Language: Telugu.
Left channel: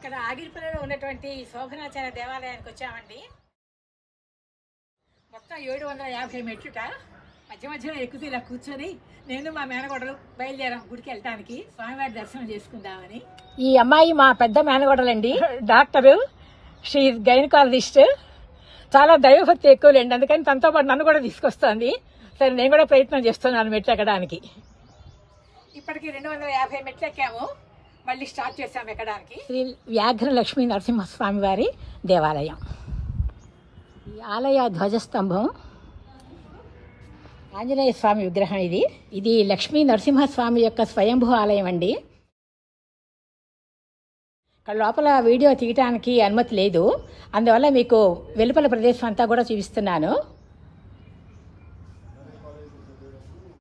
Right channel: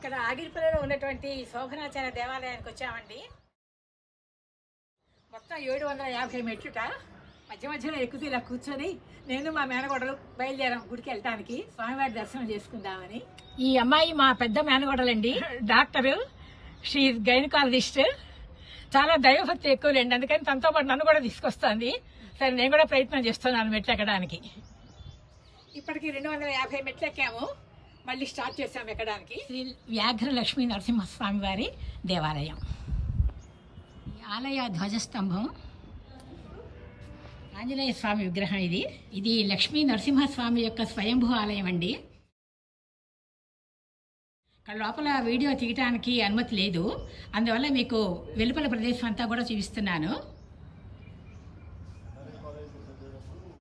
ఇక్కడ ఆగిరిపల్లిలో ఉన్నటువంటి శోభనాచార్య దేవాలయానికి వచ్చామండి. మొత్తం 750 మెట్లుట. మధ్య మధ్యలో ఎక్కుతూ ఇలా కూర్చొని నేను మా మేనగోడలు బయలుదేరాం గుడికి వెళ్ళటానికి, స్వామివారి దర్శనం చేసుకుందామని. ఈ అమ్మాయి మా పెద్ద మేనగోడలండి, డాక్టరు, షీ గైనకాలజిస్ట్. చాలా దైవభక్తి ఎక్కువలేండి, అందుకని తనతో పాటు నన్ను కూడా తీసుకొస్తుంది. సరే నేను కూడా ప్రయత్నం చేస్తున్నాను మెట్లు ఎక్కడానికి. ఇప్పటికి 250 మెట్లు ఎక్కాము, మళ్ళీ స్టార్ట్ చేసాము ఎక్కడానికి. శ్రీ వ్యాఘ్ర లక్ష్మీ నరసింహస్వామి వారి దేవాలయం. ఈ ఆలయ ధ్వజస్తంభం ఆంజనేయ స్వామి విగ్రహం. ఇది లక్ష్మీ నరసింహస్వామి యొక్క స్వయంభూ ఆలయం అండి. ఇక్కడ లోపల వీడియో తీయటానికి అనుమతి లేదు, అందువల్ల మీకు వెలుపల ప్రదేశం అంతా కూడా చూపిస్తున్నాను.